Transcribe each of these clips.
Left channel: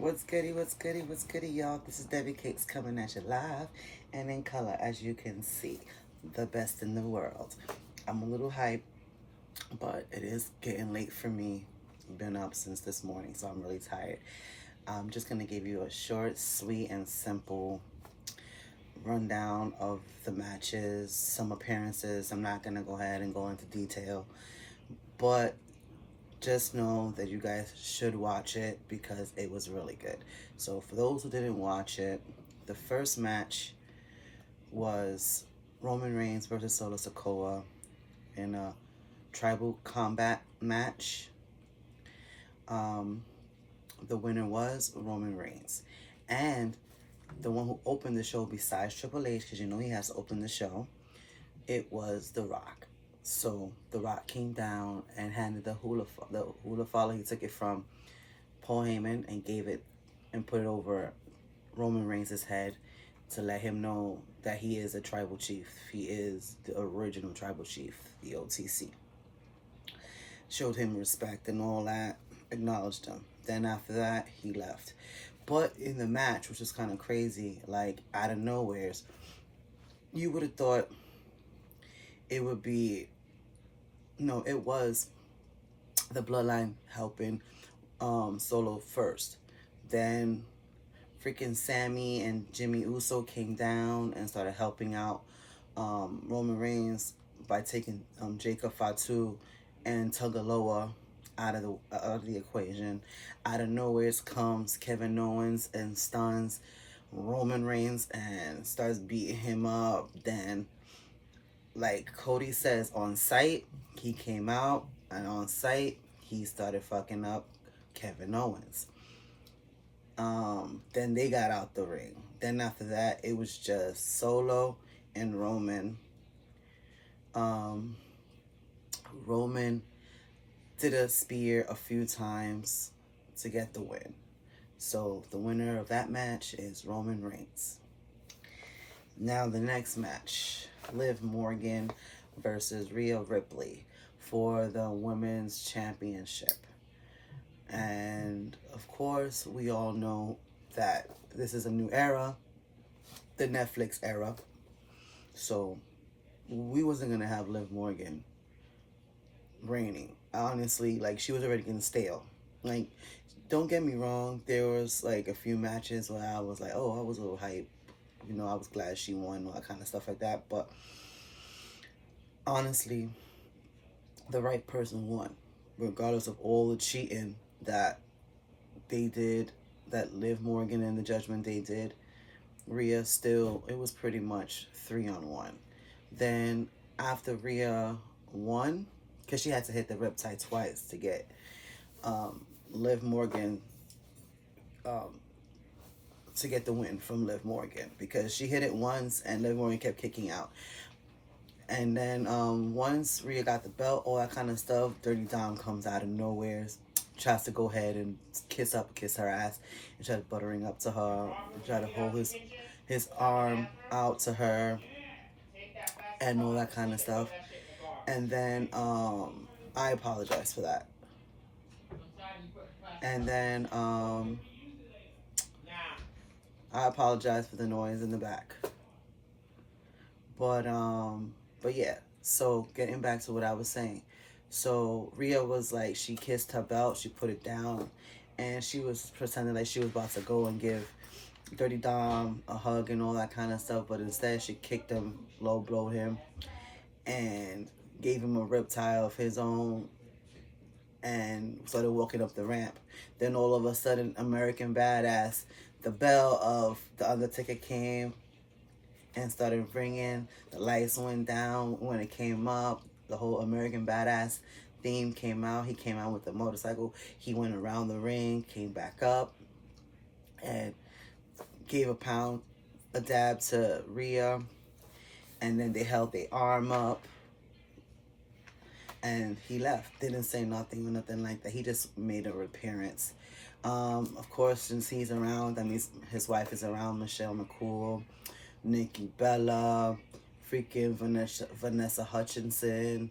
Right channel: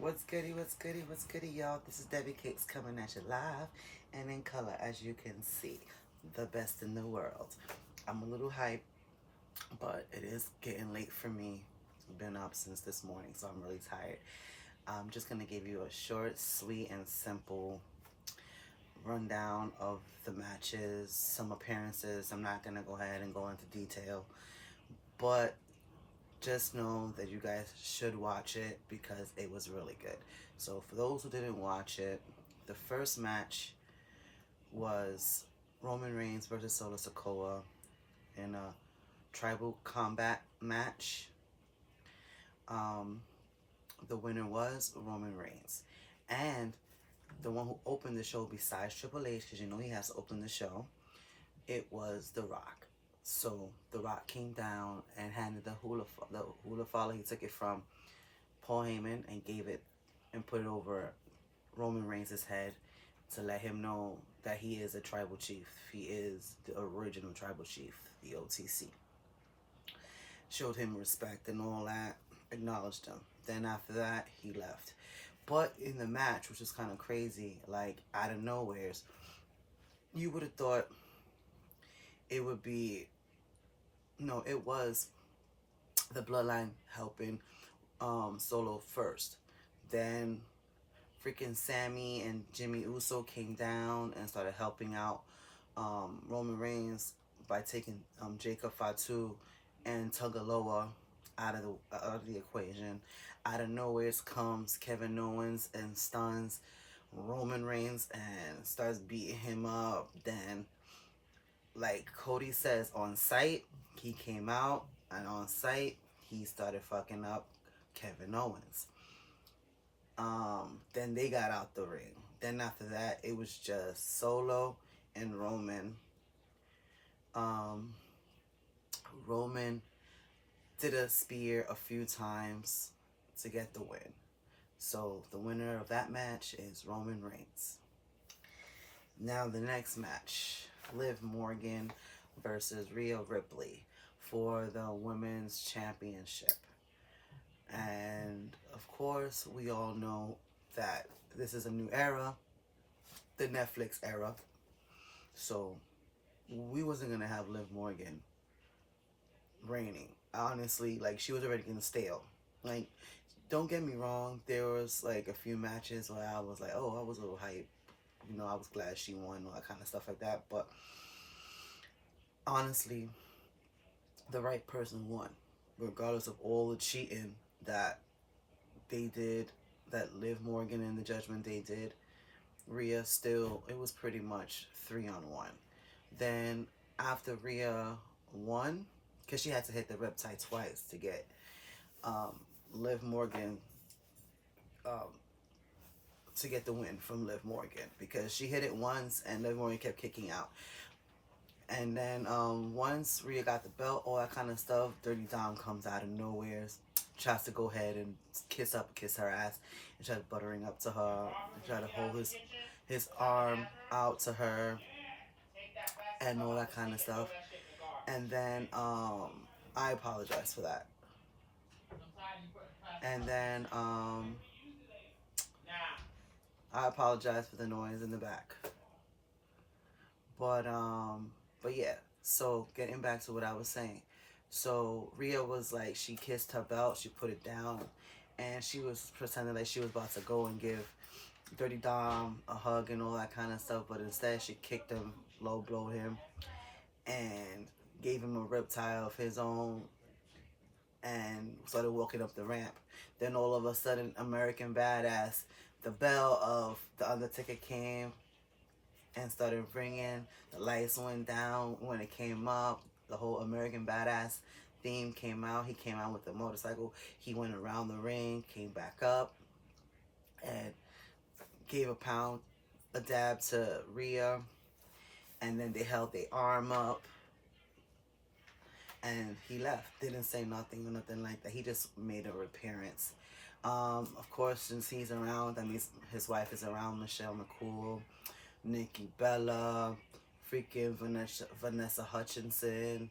What's goody, what's goody, what's goody, y'all? This is Debbie Cakes coming at you live and in color, as you can see. The best in the world. I'm a little hyped, but it is getting late for me. Been up since this morning, so I'm really tired. I'm just going to give you a short, sweet, and simple rundown of the matches, some appearances. I'm not going to go ahead and go into detail, but just know that you guys should watch it because it was really good. So for those who didn't watch it, the first match was Roman Reigns versus Solo Sikoa in a tribal combat match. Um, the winner was Roman Reigns. And the one who opened the show besides Triple H, because you know he has to open the show, it was The Rock. So The Rock came down and handed the hula follow. He took it from Paul Heyman and gave it and put it over Roman Reigns' head to let him know that he is a tribal chief. He is the original tribal chief, the OTC. Showed him respect and all that, acknowledged him. Then after that, he left. But in the match, which was kind of crazy, like out of nowheres, you would have thought it would be, no, it was the bloodline helping Solo first. Then freaking Sammy and Jimmy Uso came down and started helping out Roman Reigns by taking Jacob Fatu and Tugaloa out of the equation. Out of nowhere comes Kevin Owens and stuns Roman Reigns and starts beating him up. Then, like Cody says, on site, he came out and on site he started fucking up Kevin Owens. Then they got out the ring. Then after that, it was just Solo and Roman. Um, Roman did a spear a few times to get the win. So the winner of that match is Roman Reigns. Now the next match, Liv Morgan versus Rhea Ripley for the Women's Championship. And of course, we all know that this is a new era, the Netflix era. So we wasn't gonna have Liv Morgan reigning. Honestly, like she was already getting stale. Like, don't get me wrong, there was like a few matches where I was like, oh, I was a little hype. You know, I was glad she won, all that kind of stuff like that. But honestly, the right person won, regardless of all the cheating that they did, that Liv Morgan and the Judgment Day did. Rhea still, it was pretty much 3-on-1. Then after Rhea won, because she had to hit the Riptide twice to get Liv Morgan um, to get the win from Liv Morgan, because she hit it once and Liv Morgan kept kicking out. And then once Rhea got the belt, all that kind of stuff, Dirty Dom comes out of nowhere, tries to go ahead and kiss her ass, and tries buttering up to her, and try to hold his arm out to her, and all that kind of stuff. And then I apologize for that. And then I apologize for the noise in the back. But yeah. So getting back to what I was saying. So Rhea was like, she kissed her belt, she put it down, and she was pretending like she was about to go and give Dirty Dom a hug and all that kind of stuff, but instead she kicked him, low blow him, and gave him a riptide of his own and started walking up the ramp. Then all of a sudden, American Badass, the bell of The Undertaker came and started ringing. The lights went down when it came up. The whole American Badass theme came out. He came out with the motorcycle. He went around the ring, came back up, and gave a dab to Rhea. And then they held their arm up. And he left. Didn't say nothing or nothing like that. He just made an appearance. Of course, since he's around, that means his wife is around, Michelle McCool, Nikki Bella, freaking Vanessa Hutchinson,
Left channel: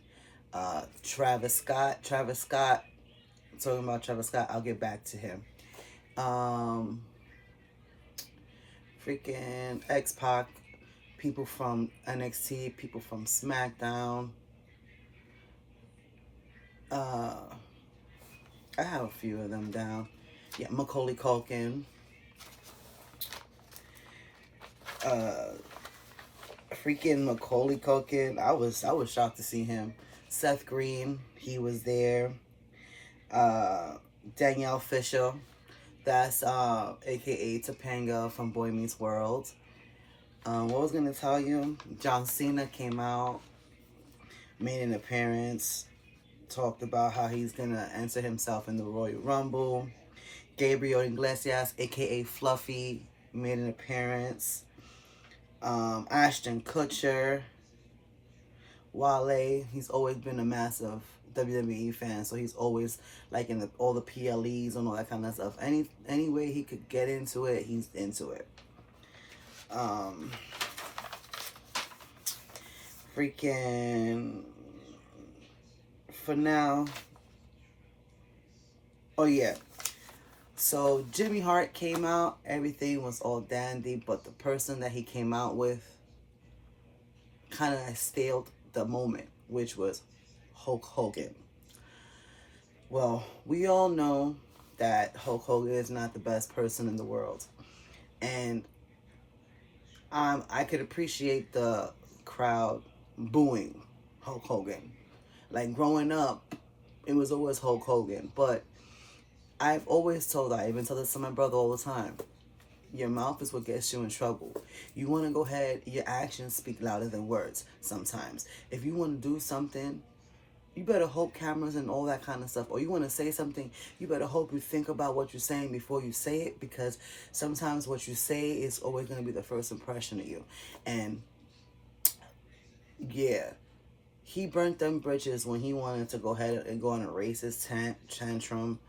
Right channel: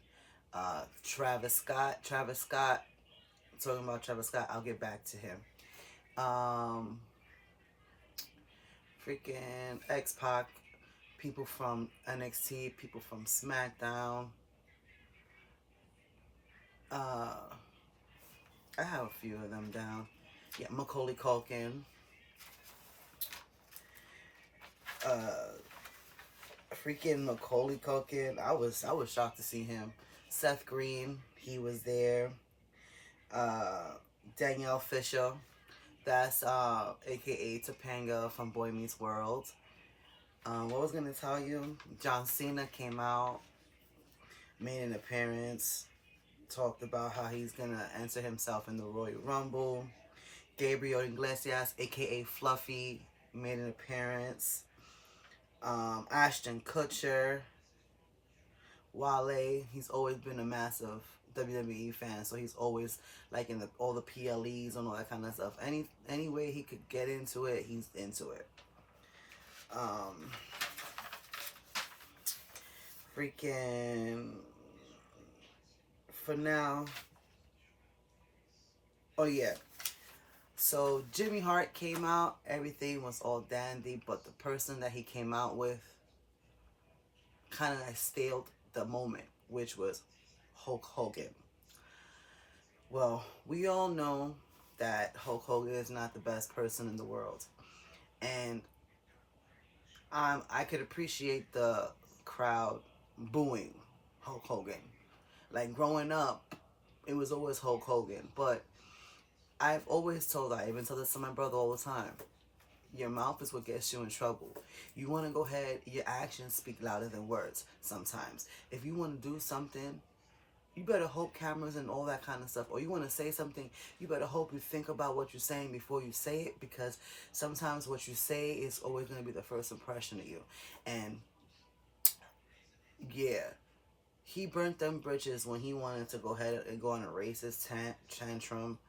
Travis Scott. Talking about Travis Scott, I'll get back to him. Um, freaking X-Pac, people from NXT, people from SmackDown. Uh, I have a few of them down. Yeah, Macaulay Culkin. Uh, freaking Macaulay Culkin. I was shocked to see him. Seth Green, he was there. Uh, Danielle Fisher, that's aka Topanga from Boy Meets World. What was gonna tell you? John Cena came out, made an appearance, talked about how he's gonna enter himself in the Royal Rumble. Gabriel Iglesias, aka Fluffy, made an appearance. Ashton Kutcher, Wale, he's always been a massive WWE fan, so he's always like in all the PLEs and all that kind of stuff. Any way he could get into it, he's into it. Um, freaking for now. Oh yeah. So Jimmy Hart came out, everything was all dandy, but the person that he came out with kind of staled the moment, which was Hulk Hogan. Well, we all know that Hulk Hogan is not the best person in the world. And I could appreciate the crowd booing Hulk Hogan. Like growing up, it was always Hulk Hogan. But I've always told, I even tell this to my brother all the time, your mouth is what gets you in trouble. You want to go ahead, your actions speak louder than words sometimes. If you want to do something, you better hope cameras and all that kind of stuff. Or you want to say something, you better hope you think about what you're saying before you say it, because sometimes what you say is always going to be the first impression of you. And yeah, he burnt them bridges when he wanted to go ahead and go on a racist tantrum,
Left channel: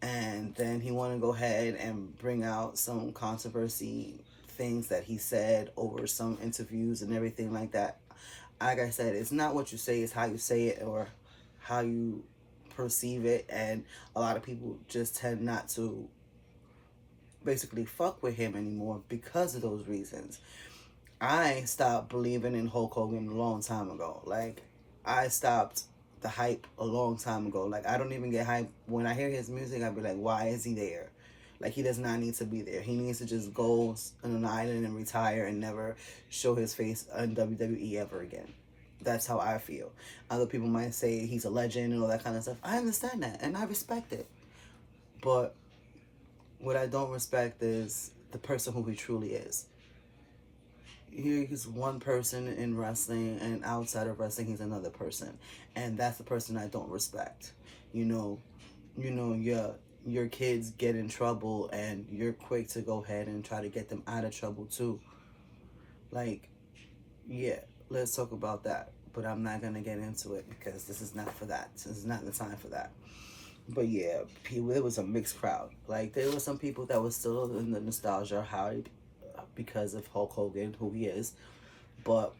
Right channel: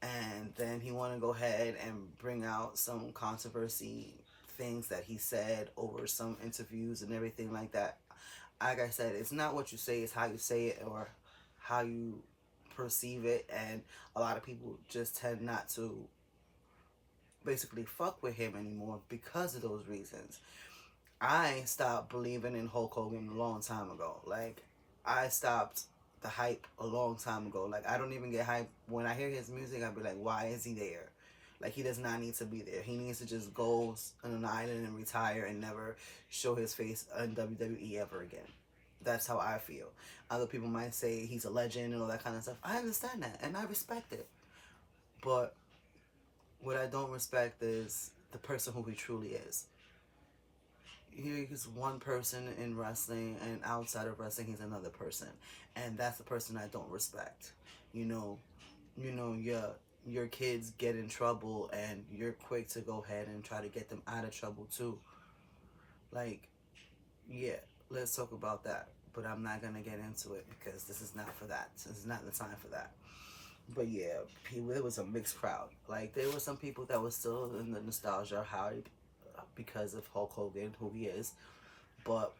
and then he wanted to go ahead and bring out some controversy things that he said over some interviews and everything like that. Like I said, it's not what you say, it's how you say it or how you perceive it. And a lot of people just tend not to basically fuck with him anymore because of those reasons. I stopped believing in Hulk Hogan a long time ago. Like, I stopped the hype a long time ago. Like, I don't even get hype. When I hear his music, I'd be like, why is he there? Like, he does not need to be there. He needs to just go on an island and retire and never show his face in WWE ever again. That's how I feel. Other people might say he's a legend and all that kind of stuff. I understand that, and I respect it. But what I don't respect is the person who he truly is. He's one person in wrestling, and outside of wrestling he's another person, and that's the person I don't respect. Your kids get in trouble and you're quick to go ahead and try to get them out of trouble too. Like, yeah, let's talk about that, but I'm not gonna get into it because this is not for that. This is not the time for that. But yeah, it was a mixed crowd. Like, there were some people that were still in the nostalgia hype because of Hulk Hogan, who he is. But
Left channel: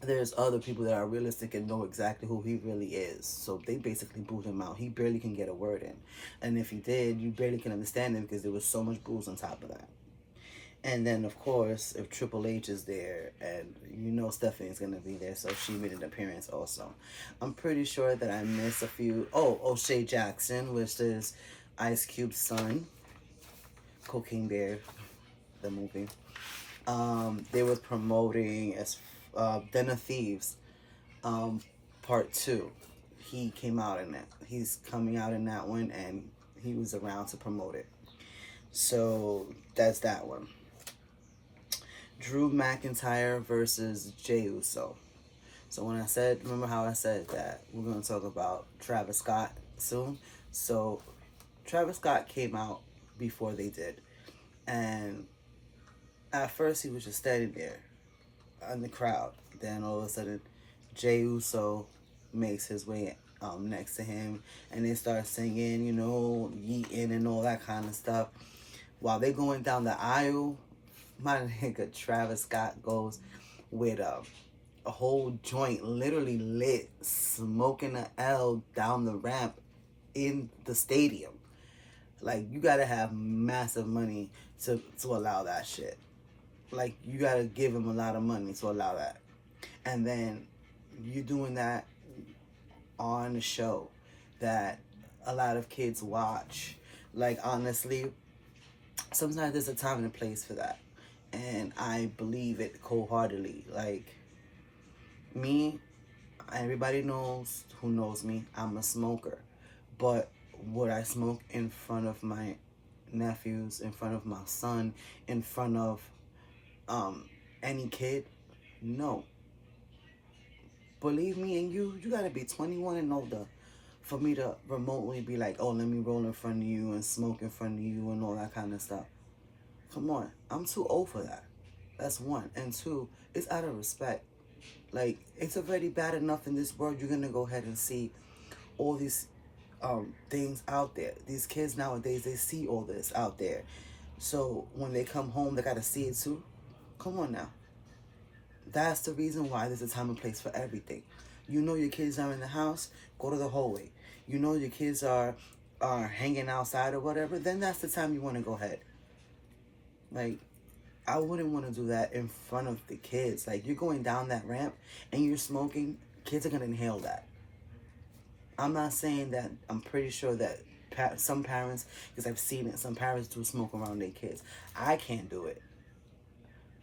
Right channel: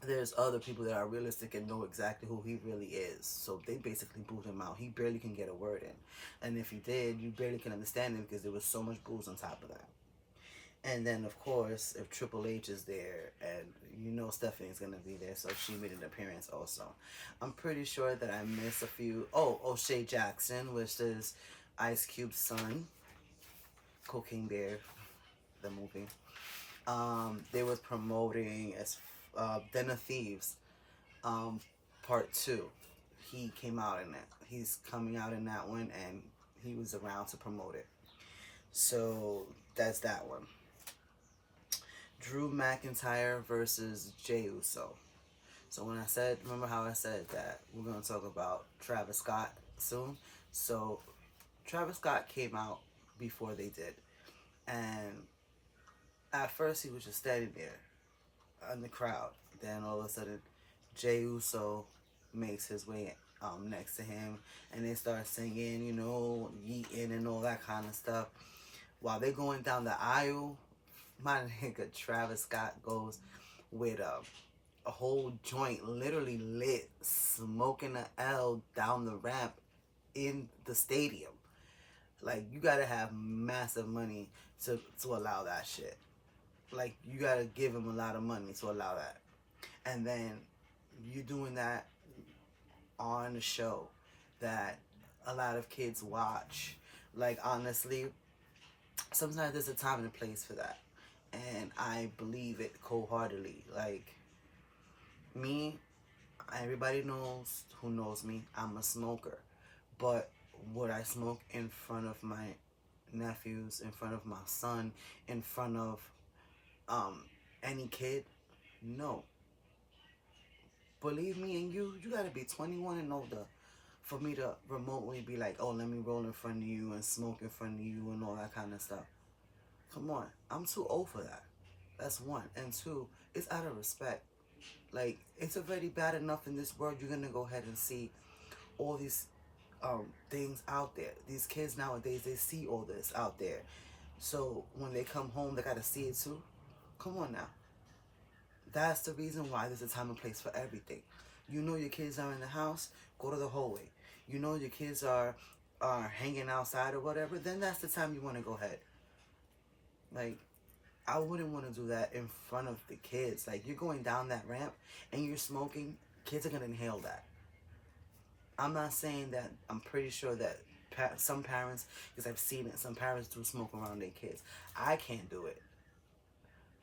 there's other people that are realistic and know exactly who he really is. So they basically booed him out. He barely can get a word in. And if he did, you barely can understand him because there was so much booze on top of that. And then, of course, if Triple H is there, and Stephanie's going to be there, so she made an appearance also. I'm pretty sure that I missed a few. Oh, O'Shea Jackson, which is Ice Cube's son. Cocaine Bear, the movie. They were promoting Den of Thieves, part 2. He came out in that. He's coming out in that one, and he was around to promote it. So that's that one. Drew McIntyre versus Jey Uso. So remember how I said that we're going to talk about Travis Scott soon? So Travis Scott came out before they did. And at first he was just standing there in the crowd. Then all of a sudden, Jey Uso makes his way next to him, and they start singing, yeeting and all that kind of stuff. While they're going down the aisle, my nigga Travis Scott goes with a whole joint literally lit, smoking a L down the ramp in the stadium. Like, you gotta have massive money to allow that shit. Like, you gotta give him a lot of money to allow that. And then you doing that on a show that a lot of kids watch. Like, honestly, sometimes there's a time and a place for that. And I believe it wholeheartedly. Like, me, everybody knows who knows me, I'm a smoker. But would I smoke in front of my nephews, in front of my son, in front of um any kid? No. Believe me, and you gotta be 21 and older for me to remotely be like, oh, let me roll in front of you and smoke in front of you and all that kind of stuff. Come on, I'm too old for that. That's one. And two, it's out of respect. Like, it's already bad enough in this world. You're gonna go ahead and see all these things out there. These kids nowadays, they see all this out there. So when they come home, they gotta see it too. Come on now. That's the reason why there's a time and place for everything. You know your kids are in the house, go to the hallway. You know your kids are hanging outside or whatever, then that's the time you want to go ahead. Like, I wouldn't want to do that in front of the kids. Like, you're going down that ramp and you're smoking, kids are going to inhale that. I'm not saying that. I'm pretty sure that some parents, because I've seen it, some parents do smoke around their kids. I can't do it.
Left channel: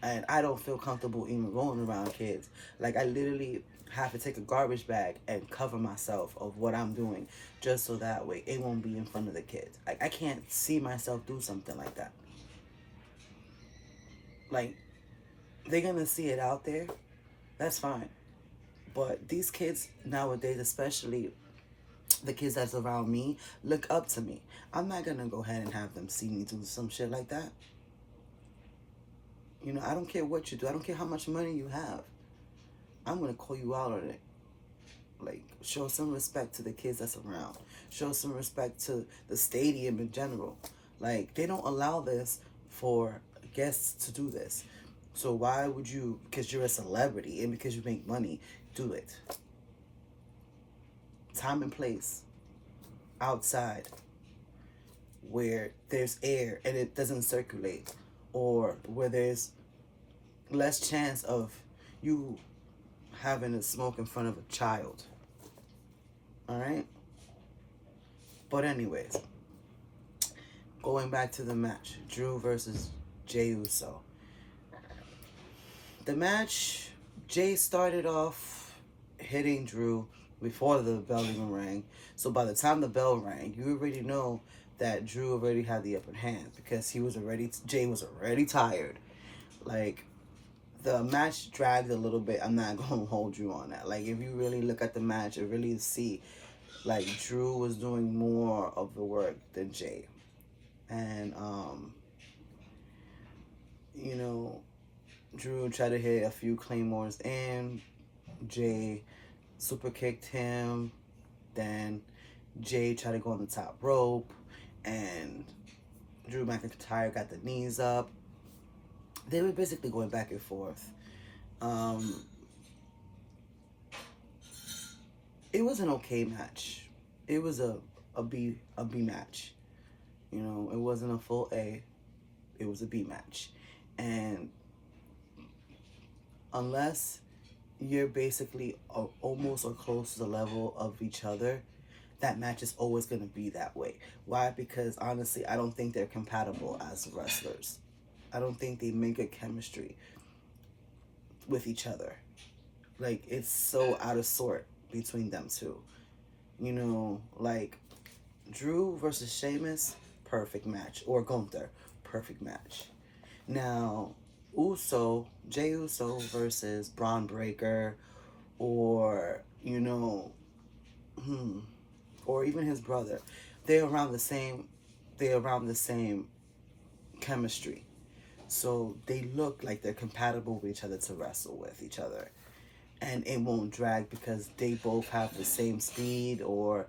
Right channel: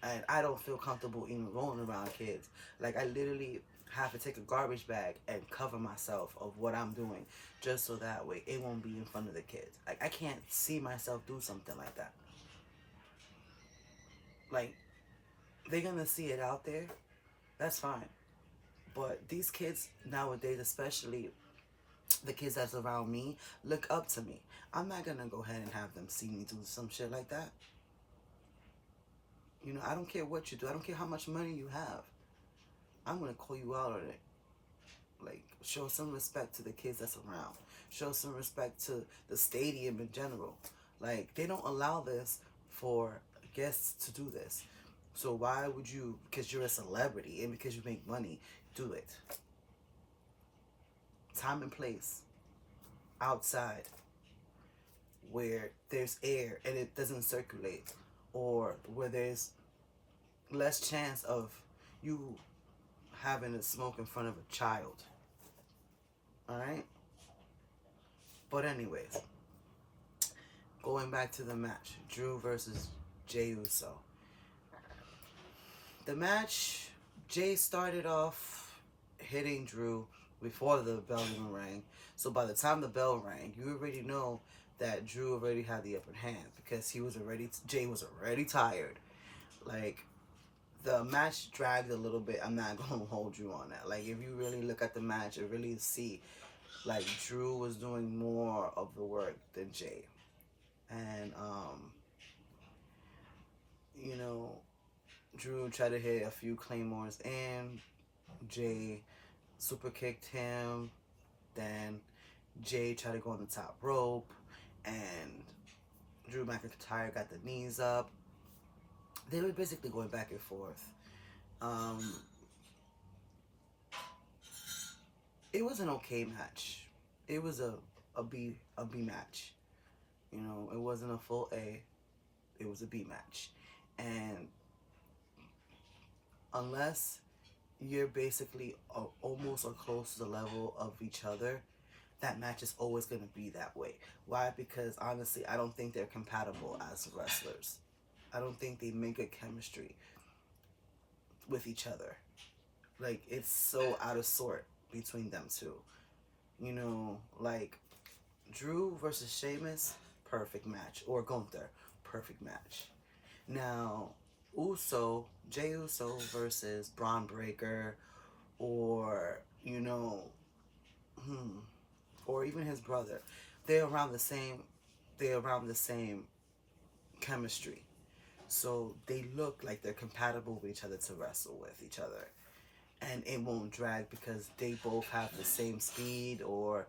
And I don't feel comfortable even going around kids. Like, I literally have to take a garbage bag and cover myself of what I'm doing just so that way it won't be in front of the kids. Like, I can't see myself do something like that. Like, they're gonna see it out there, that's fine. But these kids nowadays, especially the kids that's around me, look up to me. I'm not gonna go ahead and have them see me do some shit like that. You know, I don't care what you do. I don't care how much money you have. I'm gonna call you out on it. Like, show some respect to the kids that's around. Show some respect to the stadium in general. Like, they don't allow this for guests to do this. So why would you, because you're a celebrity and because you make money, do it? Time and place. Outside. Where there's air and it doesn't circulate. Or where there's less chance of you having a smoke in front of a child. Alright? But anyways, going back to the match. Drew versus Jey Uso. The match, Jey started off hitting Drew before the bell even rang. So by the time the bell rang, you already know that Drew already had the upper hand because Jey was already tired. Like, the match dragged a little bit. I'm not going to hold you on that. Like, if you really look at the match and really see, like, Drew was doing more of the work than Jey. And, you know, Drew tried to hit a few claymores and Jey super kicked him. Then Jey tried to go on the top rope and Drew McIntyre got the knees up. They were basically going back and forth. It was an okay match. It was a B match. You know, it wasn't a full A. It was a B match. And unless you're basically almost or close to the level of each other, that match is always going to be that way. Why? Because honestly, I don't think they're compatible as wrestlers. I don't think they make a chemistry with each other. Like, it's so out of sort between them two. You know, like, Drew versus Sheamus, perfect match. Or Gunther, perfect match. Now, Jey Uso versus Braun Breaker, or, you know, or even his brother, they're around the same chemistry. So they look like they're compatible with each other to wrestle with each other. And it won't drag because they both have the same speed or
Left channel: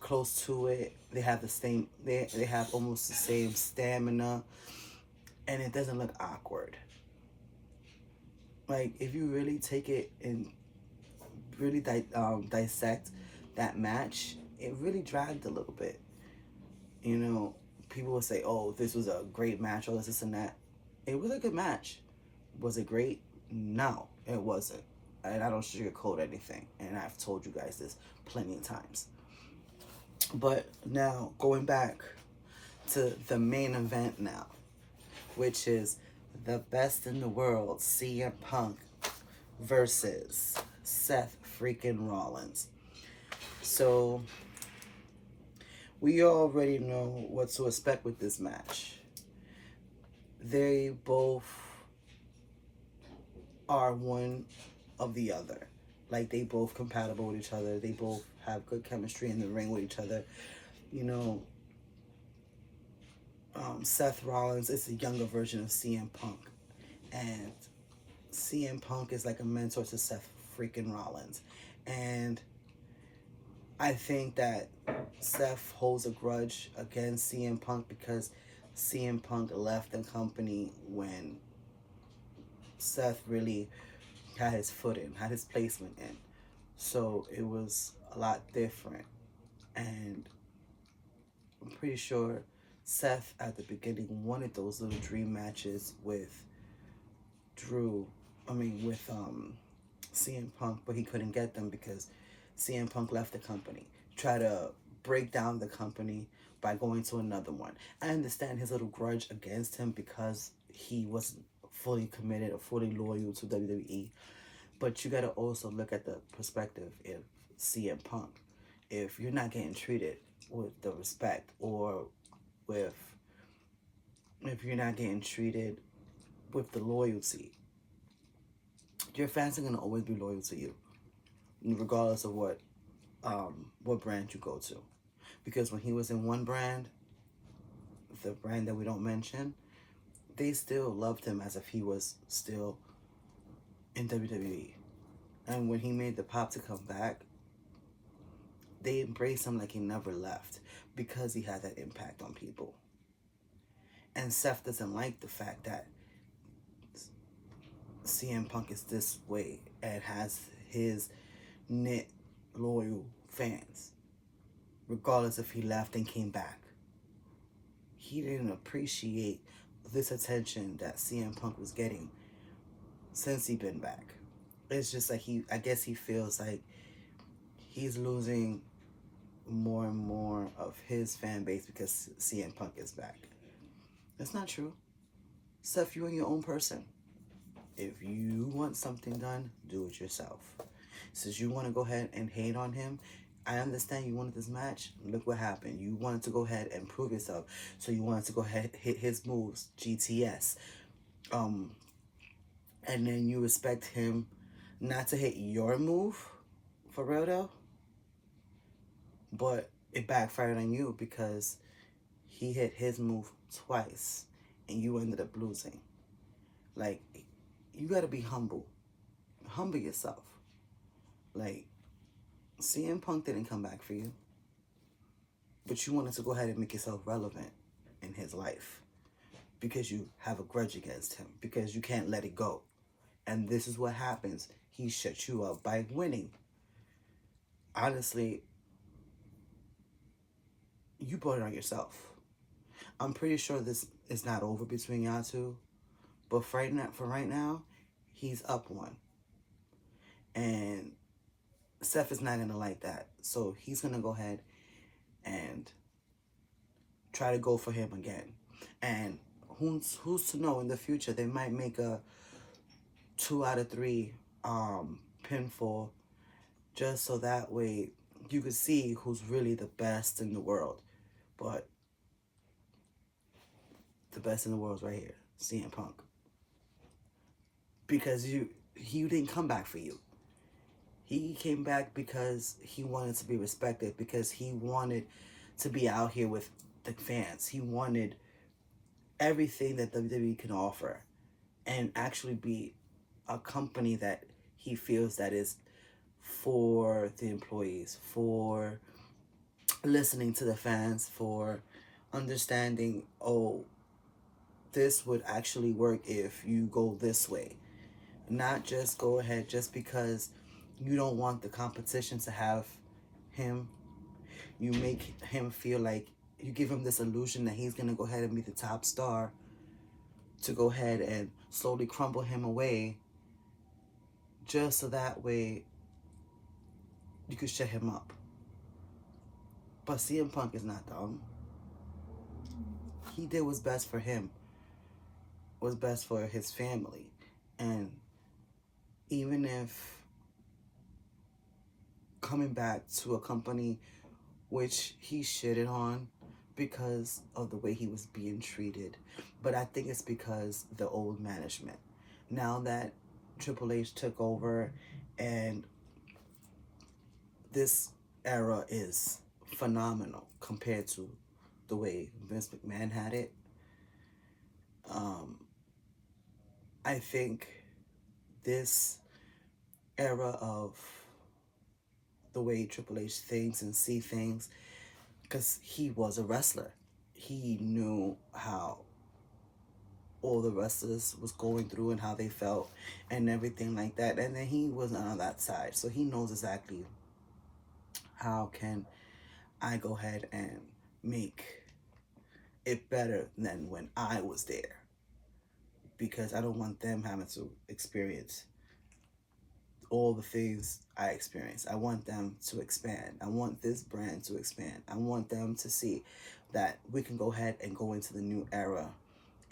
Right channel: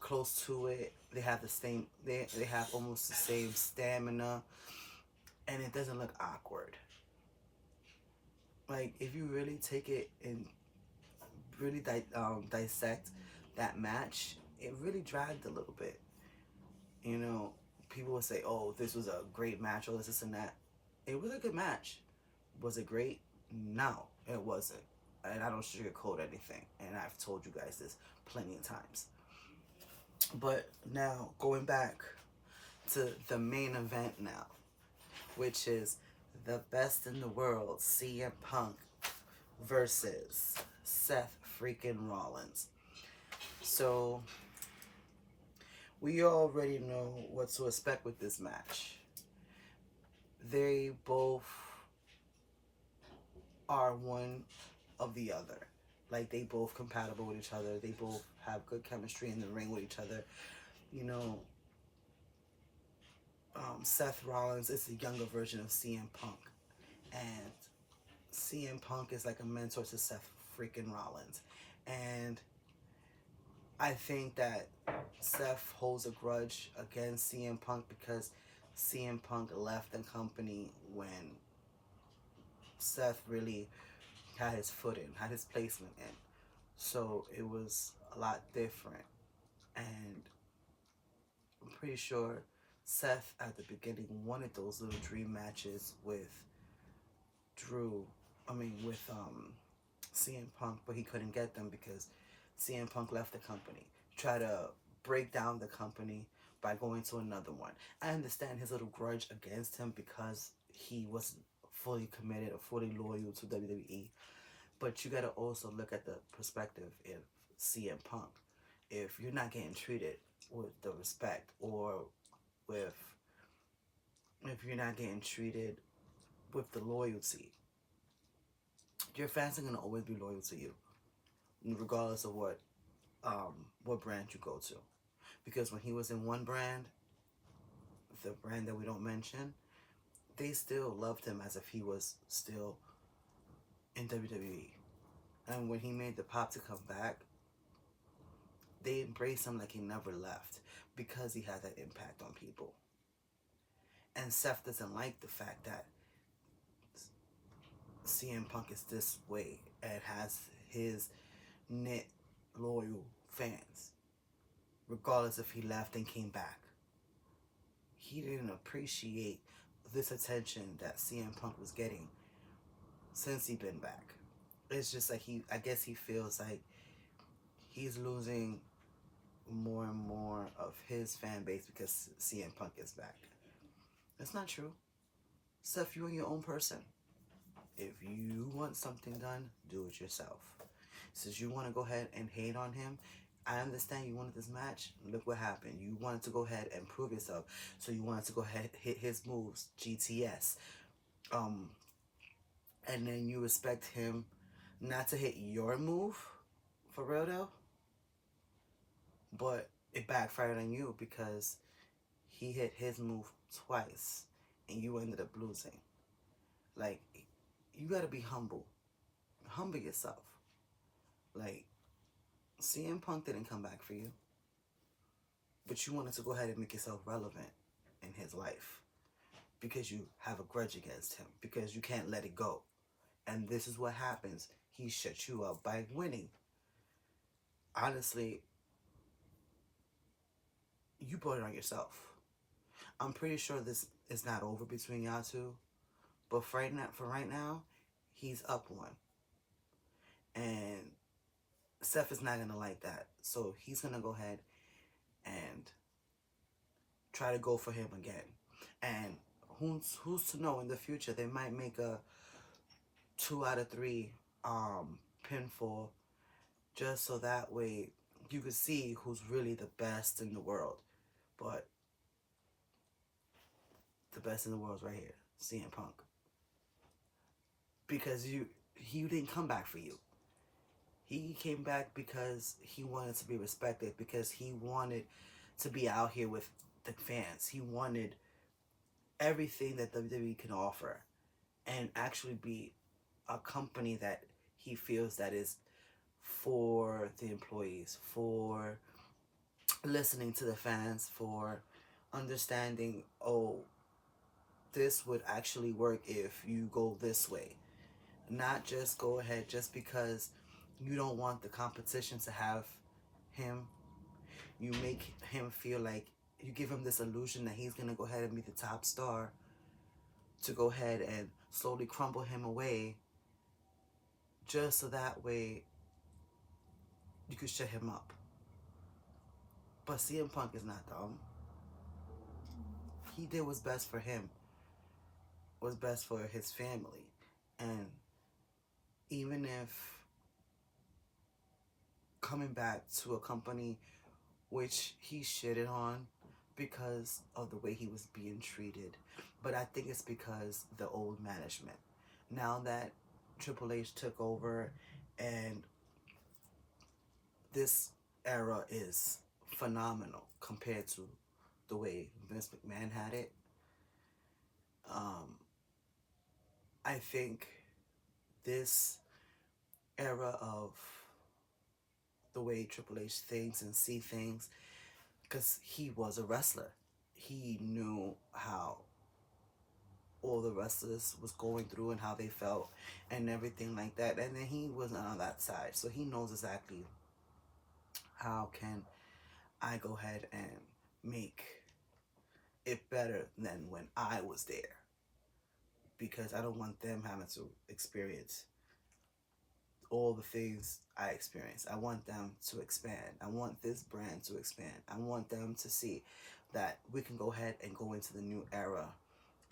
close to it. They have the same they have almost the same stamina, and it doesn't look awkward. Like, if you really take it and really dissect that match, it really dragged a little bit. You know, people would say, oh, this was a great match, or this and that. It was a good match. Was it great? No, it wasn't. And I don't sugarcoat anything. And I've told you guys this plenty of times. But now, going back to the main event now, which is the best in the world, CM Punk versus Seth freaking Rollins. So, we already know what to expect with this match. They both are one of the other. Like, they both compatible with each other. They both have good chemistry in the ring with each other. You know, Seth Rollins is a younger version of CM Punk. And CM Punk is like a mentor to Seth freaking Rollins. And I think that Seth holds a grudge against CM Punk because CM Punk left the company when Seth really had his foot in, had his placement in. So it was a lot different. And I'm pretty sure Seth at the beginning wanted those little dream matches with CM Punk, but he couldn't get them because CM Punk left the company. Try to break down the company by going to another one. I understand his little grudge against him because he wasn't fully committed or fully loyal to WWE. But you got to also look at the perspective of CM Punk. If you're not getting treated with the respect, or if you're not getting treated with the loyalty, your fans are going to always be loyal to you, regardless of what brand you go to. Because when he was in one brand, the brand that we don't mention, they still loved him as if he was still in WWE. And when he made the pop to come back, they embraced him like he never left because he had that impact on people. And Seth doesn't like the fact that CM Punk is this way and has his knit loyal fans, regardless if he left and came back. He didn't appreciate this attention that CM Punk was getting since he'd been back. It's just like I guess he feels like he's losing more and more of his fan base because CM Punk is back. That's not true. Seth, you're your own person. If you want something done, do it yourself. Since you want to go ahead and hate on him, I understand you wanted this match. Look what happened. You wanted to go ahead and prove yourself. So you wanted to go ahead and hit his moves, GTS. And then you expect him not to hit your move, for real though. But it backfired on you because he hit his move twice and you ended up losing. Like, you gotta be humble. Humble yourself. Like, CM Punk didn't come back for you, but you wanted to go ahead and make yourself relevant in his life because you have a grudge against him, because you can't let it go. And this is what happens. He shut you up by winning. Honestly, you brought it on yourself. I'm pretty sure this is not over between y'all two, but for right now, he's up one. And Seth is not going to like that. So he's going to go ahead and try to go for him again. And who's to know, in the future, they might make a 2 out of 3 pinfall, just so that way you can see who's really the best in the world. But the best in the world is right here, CM Punk. Because he didn't come back for you. He came back because he wanted to be respected, because he wanted to be out here with the fans. He wanted everything that WWE can offer and actually be a company that he feels that is for the employees, for listening to the fans, for understanding, oh, this would actually work if you go this way. Not just go ahead just because you don't want the competition to have him. You make him feel like you give him this illusion that he's going to go ahead and be the top star, to go ahead and slowly crumble him away, just so that way you could shut him up. But CM Punk is not dumb. He did what's best for him, what's best for his family. And even if coming back to a company which he shitted on because of the way he was being treated, but I think it's because the old management. Now that Triple H took over, and this era is phenomenal compared to the way Vince McMahon had it. I think this era of the way Triple H thinks and see things, because he was a wrestler, he knew how all the wrestlers was going through and how they felt and everything like that. And then he was on that side, so he knows exactly how can I go ahead and make it better than when I was there, because I don't want them having to experience all the things I experienced. I want them to expand. I want this brand to expand. I want them to see that we can go ahead and go into the new era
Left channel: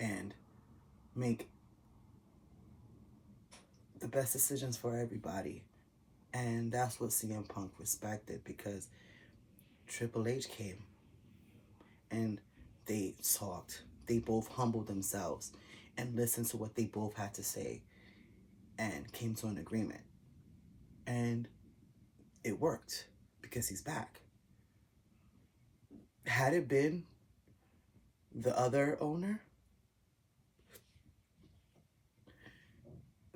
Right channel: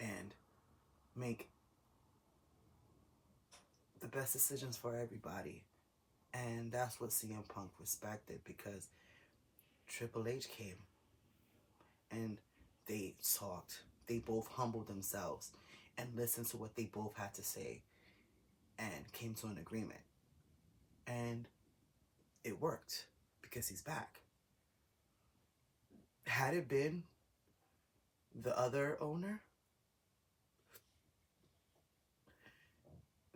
and make the best decisions for everybody. And that's what CM Punk respected, because Triple H came and they talked. They both humbled themselves and listened to what they both had to say and came to an agreement. And it worked because he's back. Had it been the other owner,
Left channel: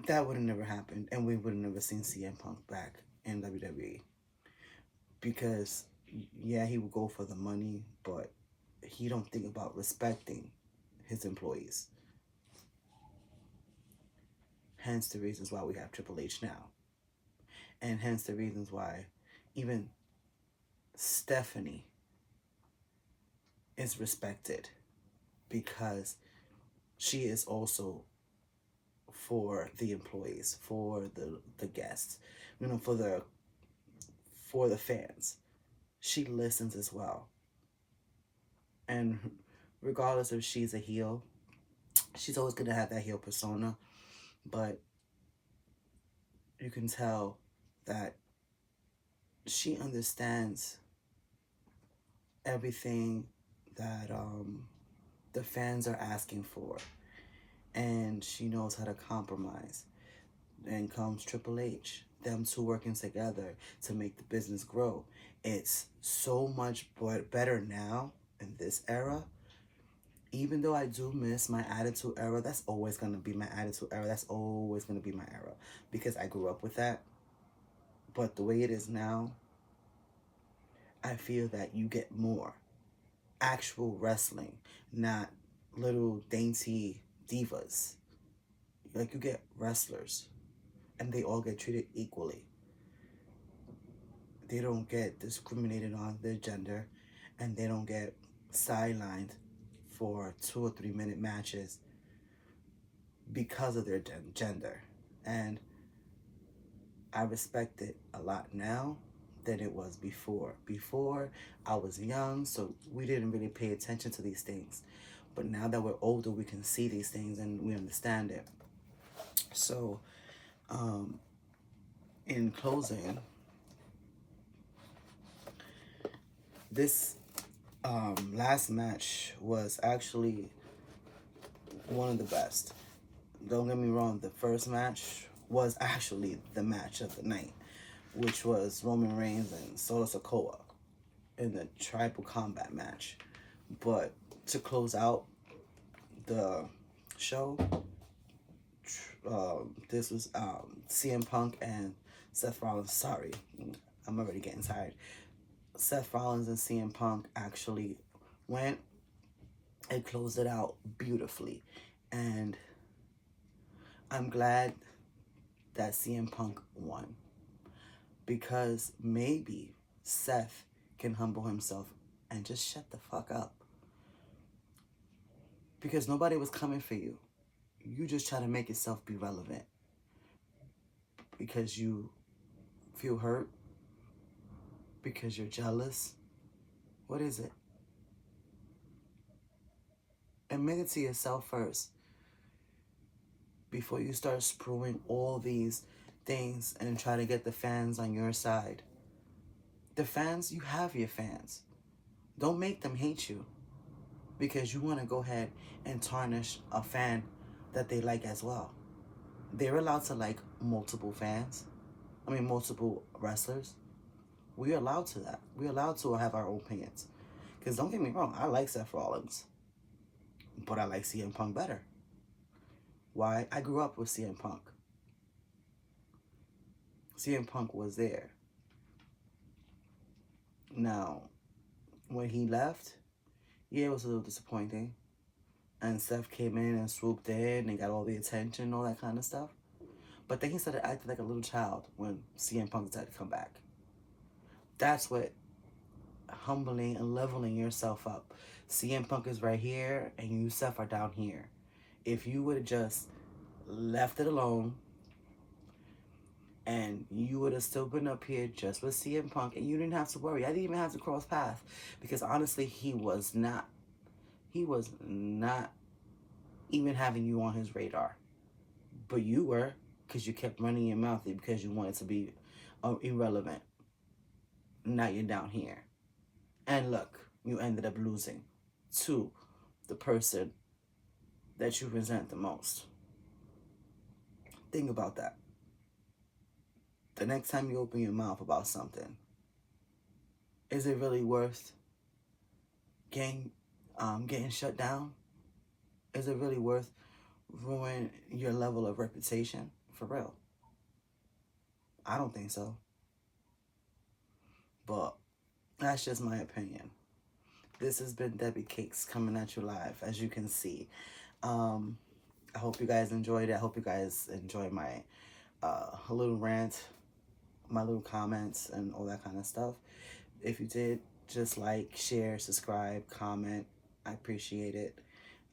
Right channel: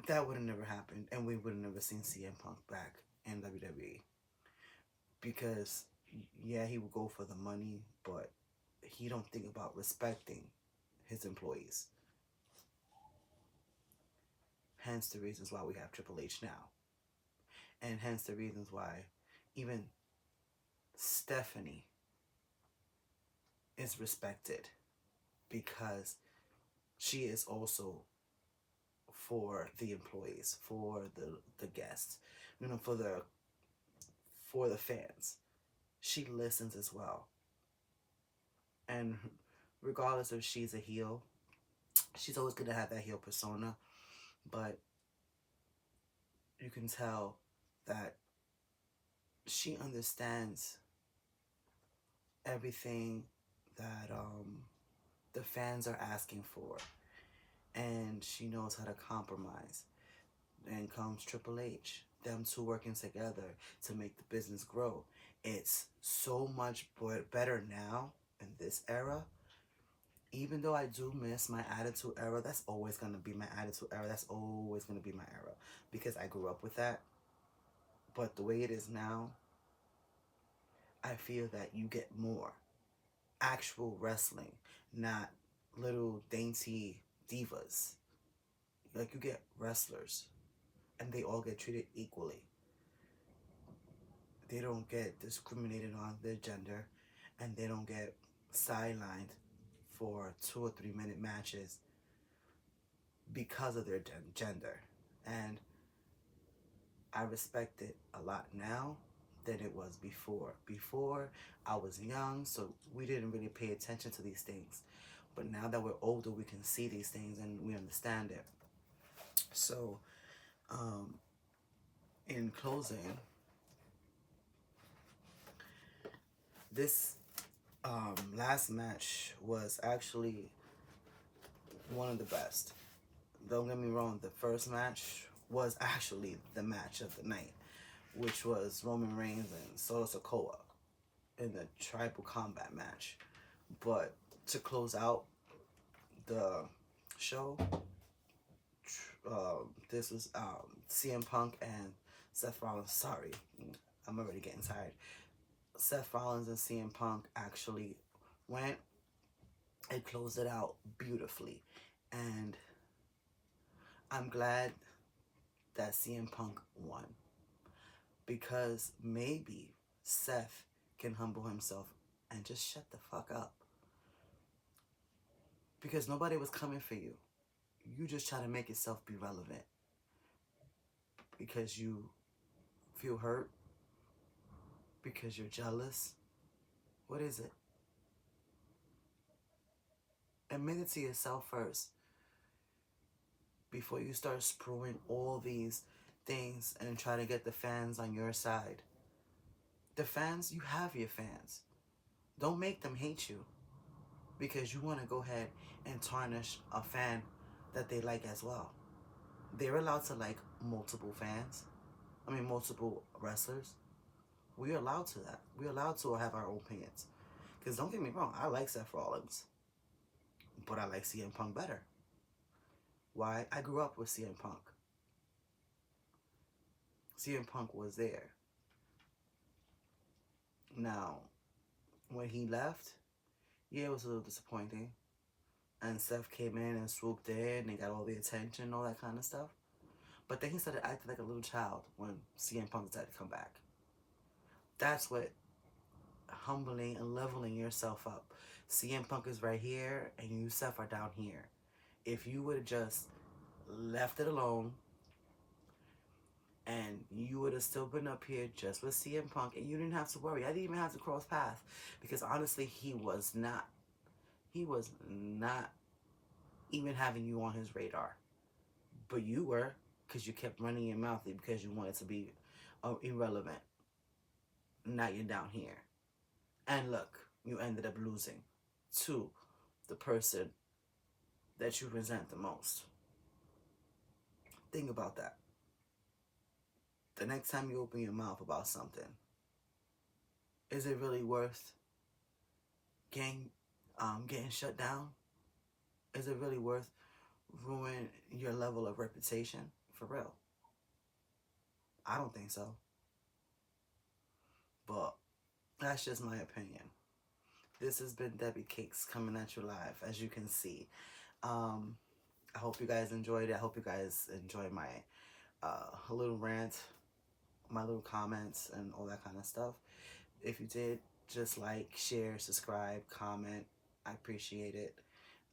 that would have never happened, and we would have never seen CM Punk back in WWE. Because, yeah, he would go for the money, but he don't think about respecting his employees. Hence the reasons why we have Triple H now. And hence the reasons why even Stephanie is respected, because she is also for the employees, for the guests, for the fans. She listens as well. And regardless if she's a heel, she's always going to have that heel persona, but you can tell that she understands everything that the fans are asking for, and she knows how to compromise. Then comes Triple H, them two working together to make the business grow. It's so much better now in this era. Even though I do miss my Attitude Era, that's always going to be my Attitude Era. That's always going to be my era, because I grew up with that. But the way it is now, I feel that you get more actual wrestling, not little dainty divas. Like, you get wrestlers, and they all get treated equally. They don't get discriminated on their gender, and they don't get sidelined for 2 or 3 minute matches because of their gender. And I respect it a lot now than it was before. Before, I was young, so we didn't really pay attention to these things. But now that we're older, we can see these things and we understand it. So, in closing, this last match was actually one of the best. Don't get me wrong, the first match was actually the match of the night, which was Roman Reigns and Solo Sikoa in the tribal combat match. But to close out the show, this was CM Punk and Seth Rollins. Sorry, I'm already getting tired. Seth Rollins and CM Punk actually went and closed it out beautifully. And I'm glad that CM Punk won, because maybe Seth can humble himself and just shut the fuck up. Because nobody was coming for you. You just try to make yourself be relevant. Because you feel hurt. Because you're jealous. What is it? Admit it to yourself first. Before you start spewing all these things and try to get the fans on your side. The fans, you have your fans. Don't make them hate you. Because you want to go ahead and tarnish a fan that they like as well. They're allowed to like multiple multiple wrestlers. We're allowed to that. We're allowed to have our own opinions. Because don't get me wrong, I like Seth Rollins. But I like CM Punk better. Why? I grew up with CM Punk. CM Punk was there. Now, when he left, yeah, it was a little disappointing. And Seth came in and swooped in and got all the attention and all that kind of stuff. But then he started acting like a little child when CM Punk decided to come back. That's what humbling and leveling yourself up. CM Punk is right here and you, Seth, are down here. If you would have just left it alone and you would have still been up here just with CM Punk and you didn't have to worry. I didn't even have to cross paths because honestly, he was not even having you on his radar. But you were, because you kept running your mouth because you wanted to be irrelevant. Now you're down here. And look, you ended up losing to the person that you resent the most. Think about that. The next time you open your mouth about something, is it really worth getting shut down? Is it really worth ruining your level of reputation? For real. I don't think so. But that's just my opinion. This has been Debbie Cakes coming at you live, as you can see. I hope you guys enjoyed it. I hope you guys enjoy my little rant, my little comments, and all that kind of stuff. If you did, just like, share, subscribe, comment. I appreciate it.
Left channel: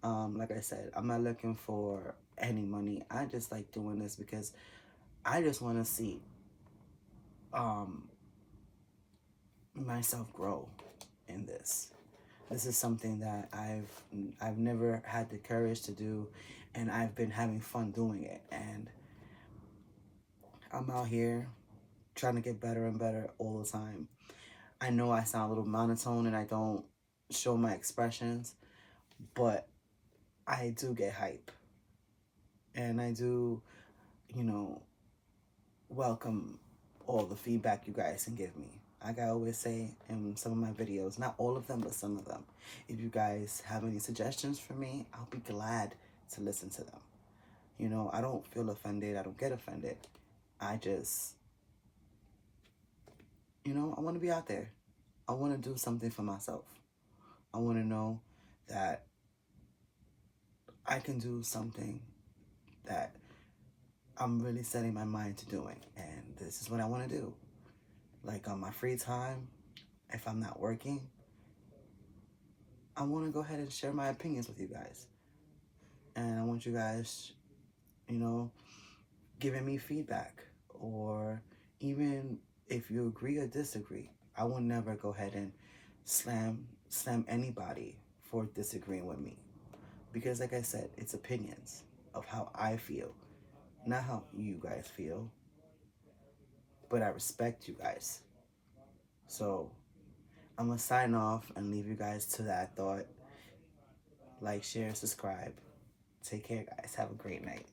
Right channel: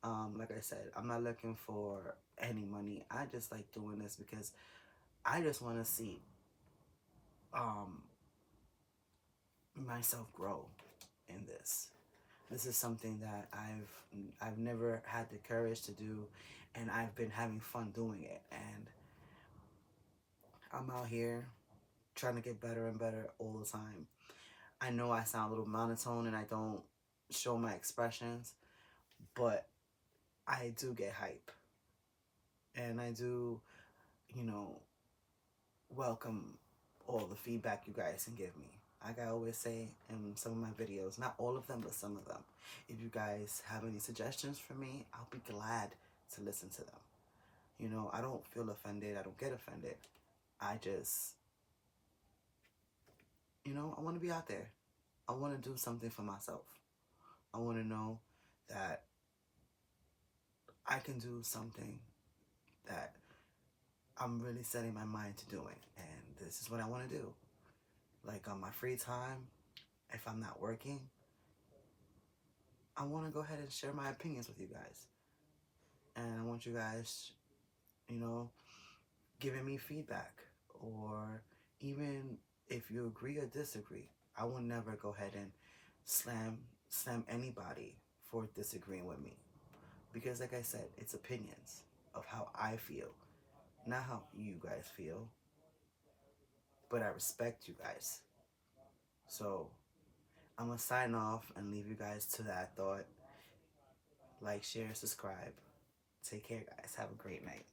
Like I said, I'm not looking for any money. I just like doing this because I just want to see myself grow in this. This is something that I've never had the courage to do, and I've been having fun doing it. And I'm out here trying to get better and better all the time. I know I sound a little monotone and I don't show my expressions, but I do get hype. And I do, welcome all the feedback you guys can give me. Like I always say in some of my videos, not all of them, but some of them. If you guys have any suggestions for me, I'll be glad to listen to them. I don't feel offended. I don't get offended. I just, I want to be out there. I want to do something for myself. I want to know that I can do something that I'm really setting my mind to doing. And this is what I want to do. Like on my free time, if I'm not working, I want to go ahead and share my opinions with you guys. And I want you guys, giving me feedback. Or even if you agree or disagree, I will never go ahead and slam anybody for disagreeing with me. Because like I said, it's opinions of how I feel, not how you guys feel. But I respect you guys. So I'm going to sign off and leave you guys to that thought. Like, share, subscribe. Take care, guys. Have a great night.